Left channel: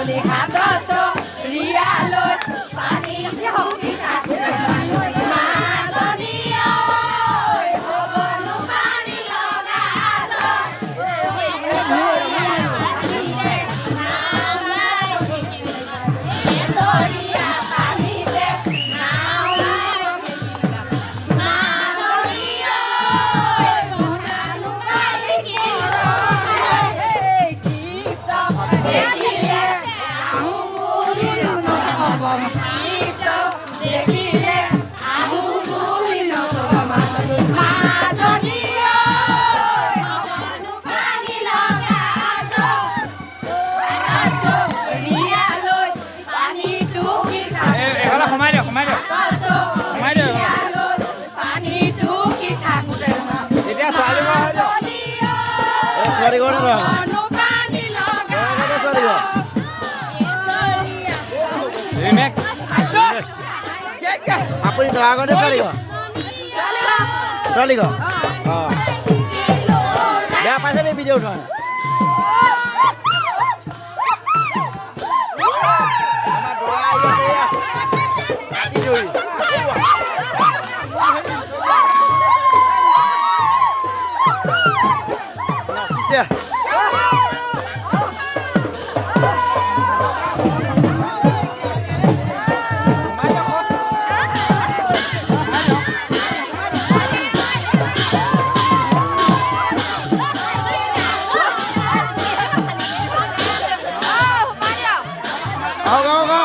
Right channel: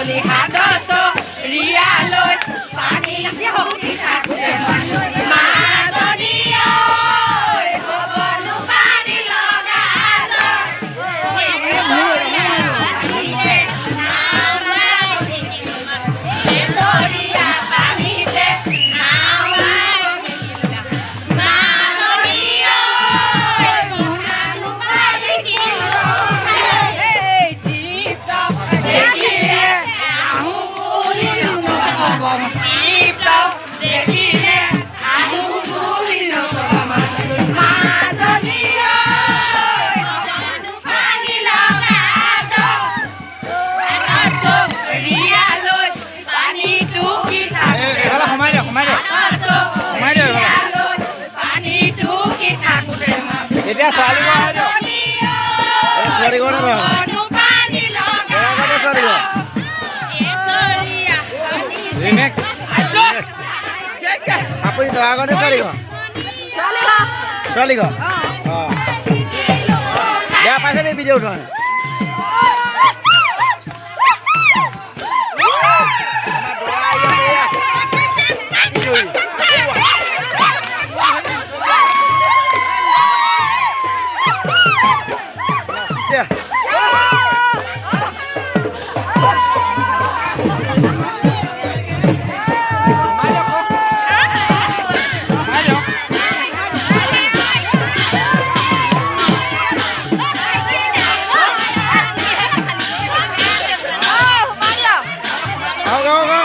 মাজনী হাতত ৰিয়ালৈ পানী হকি থাকোঁতে মাজনী ঐ হ'বনো পানী লগা Sorry, go na. Sorry, go. Next. Apa itu? Aku ada sorry, go. Sorry, go. Oh. Dia apa sih video tu? Sama doa ya. Tidur. Yeah. Go.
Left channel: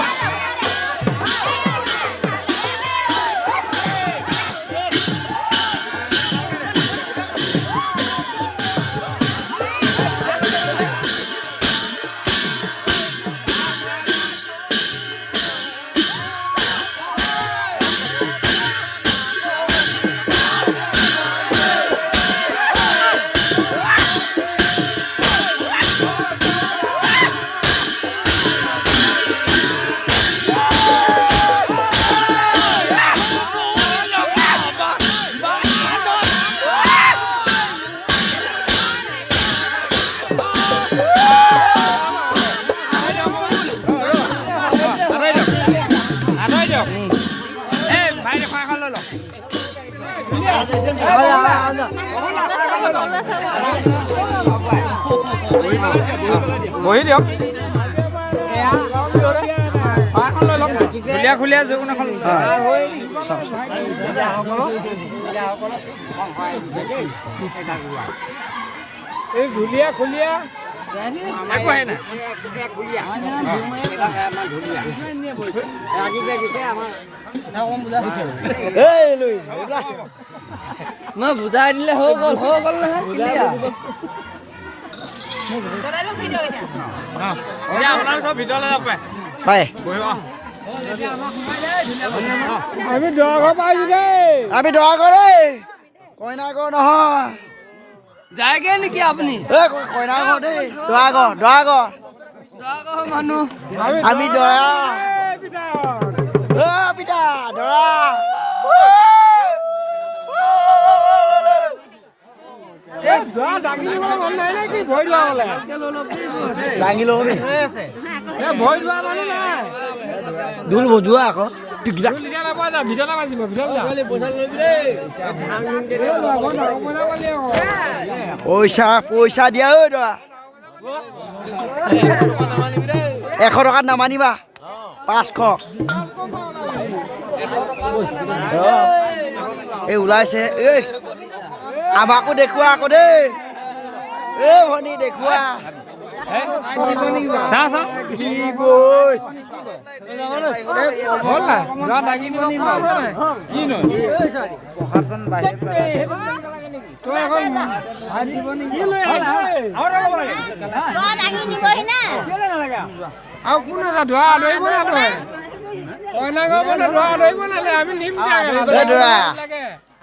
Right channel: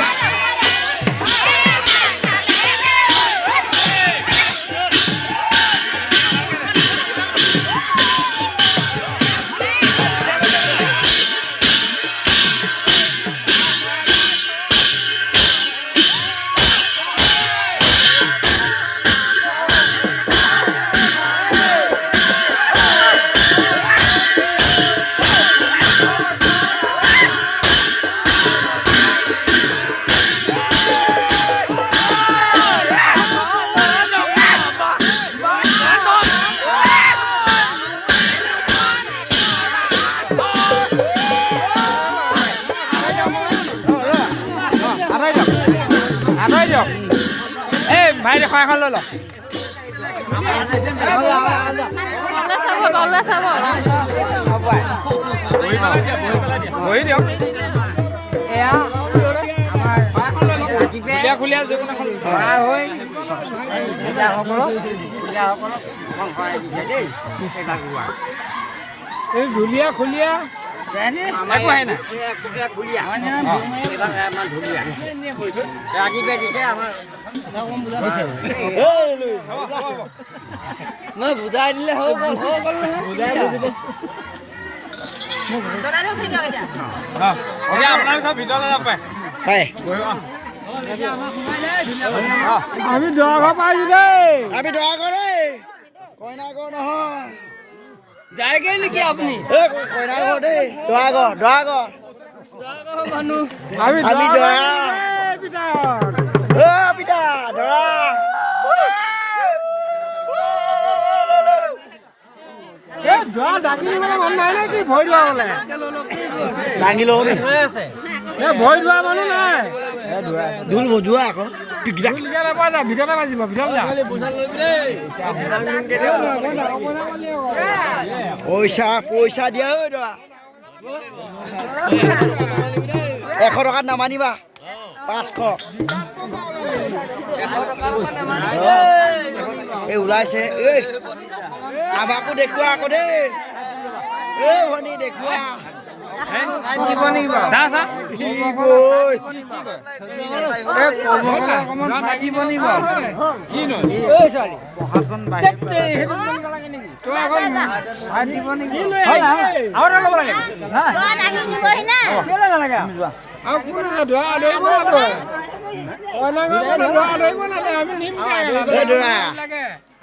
ভাই দেখা এখন লৈ ল বহি দিয়ক খুলীয়া এই ধুলীয়া খুলীয়া বুজাই দিলে হৈ গ'ল ভিতৰলৈ যাব পাৰে আমি দহ পাইছো দেই আমি দহ কৰে কইনা ঘৰ নহয় যায়গে নেকি আপুনি কইনা ঘৰ দেই দৰা ঘৰ মানুহ আমি দৰা পিতা দৰা দাঙি লওঁ নি ভয় লোৱা মানুহ নাই ঢোল বজোৱা আকৌ ভিতৰতে বাজিব পইচা দিয়া ঐ দৰা 100 টকাত নামানিবা 500 এই ওলাইছে এই আমাকো দেখুৱা আকৌ দেই এই ভনী দেখুৱা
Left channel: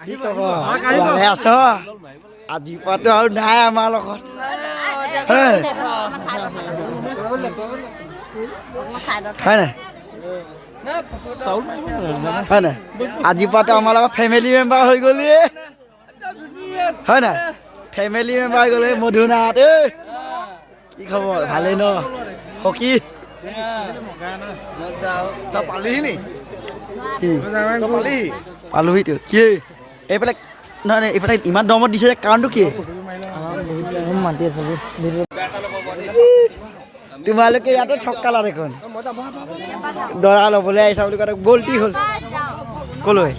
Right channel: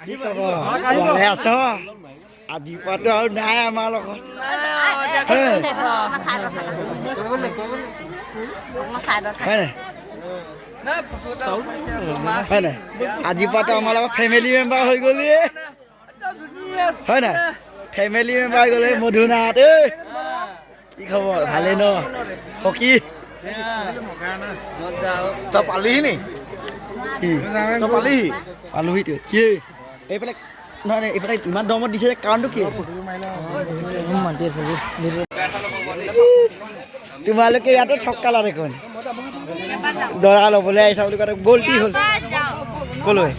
কি কব ভালে আছ আজি পৰাটো আৰু নাই আমাৰ লগত হয় নাই আজি পৰাটো আমাৰ লগত ফেমিলি মেম্বাৰ হৈ গ'লি হয় নাই ফেমিলি মেম্বাৰ হৈ গ'লে মধুনাথ কি খবৰ ভালেই ন হকি তই পালিহি নি কি পালিহি পালোহিতো কি এইফালে নহয় নহয়, এইফালে ইমান দমত দিছে যে কাৰণটো কি মাতি আছে তোমালোকে ইয়াতে ঠক্কালা দেখোন দৰা ল'বলৈ আহিছা বুলি কওঁতে গ'লটি হ'ল ক'লৈ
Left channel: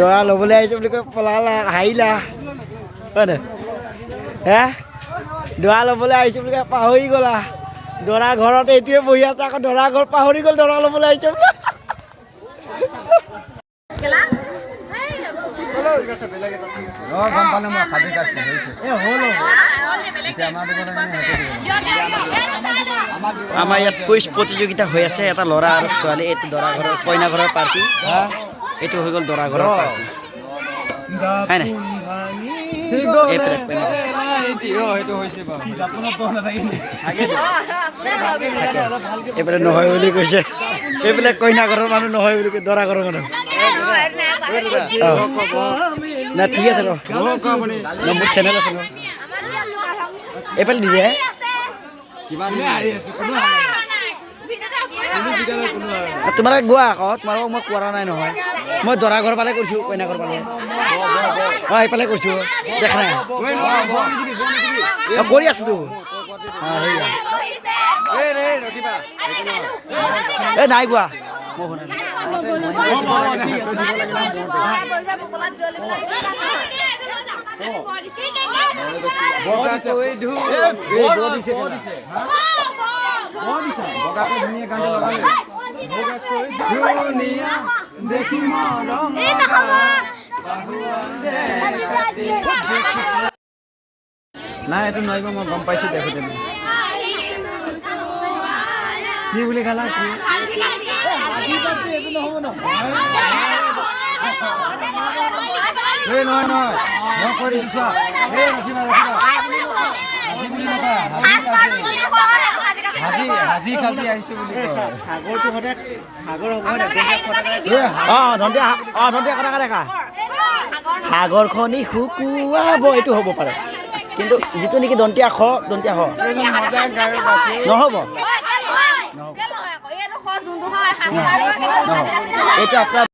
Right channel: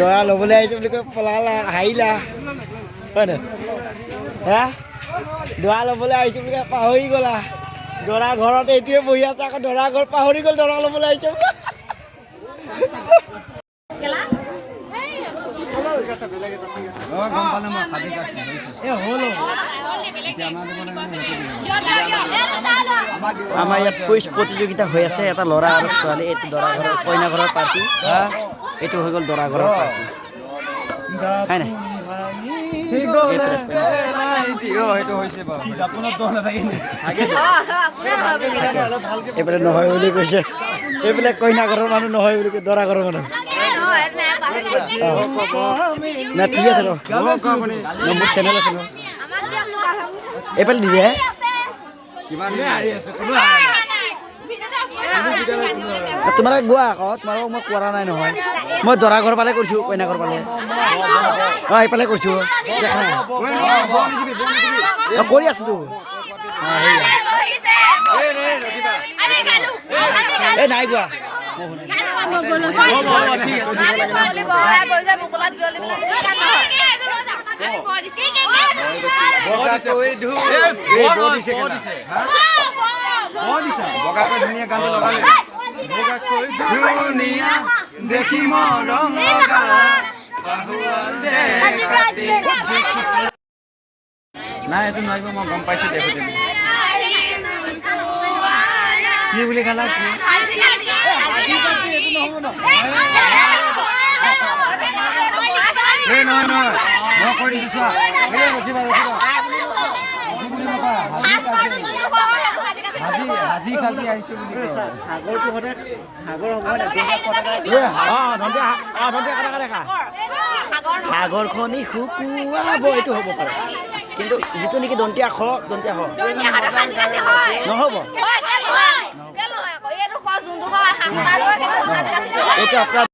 দৰা ল'বলৈ আহিছে বুলি কৈ পলালা হাৰিলা হয় নাই হে দৰা ল'বলৈ আহিছে বুলি কৈ পাহৰি গ'লা দৰা ঘৰত এইটোৱে বহি আছে আকৌ দৰা ঘৰ পাহৰি গ'ল দৰা ল'বলৈ আহিছে বুলি আমাৰ ইয়াত কুইজ প্ৰতিযোগিতা হৈ আছে এটা ল'ৰা আৰু ছোৱালী এইটো দৰা ঘৰৰ কইনা ঘৰৰ পাৰ্টি এইটো হৈ গ'ল দৰা ঘৰৰ পাৰ্টি হয় নাই এইফালে নহয় বুলি কৈছে এইফালে কইনা ঘৰৰ মানুহ নহয় বুলি কৈ দৰা ঘৰৰ মানুহ না ঠিক আছে ৰ মোৰ চেনেল আছে ন এইফালে দিদি তোমালোকে গোৱা আকৌ তোমালোকক মই কোৱা নাই নহয় মই দৰা ঘৰ পালে কৰিছোঁ কইনা ঘৰ পালে অঁ এইফালে কৰিছোঁ দেখা নাই কৰি আছোঁতো এই নাই গোৱা নাই এইটো নোৱাৰিব মই গম পাইছোঁ দেখোঁ কি বুলি ক'লা সাগৰখনি শুকুৱাব এইটো হ'ব পাৰে কিন্তু যিটো নেকি দন্তীয়া খ নহ'ব এইটো আপোনাৰ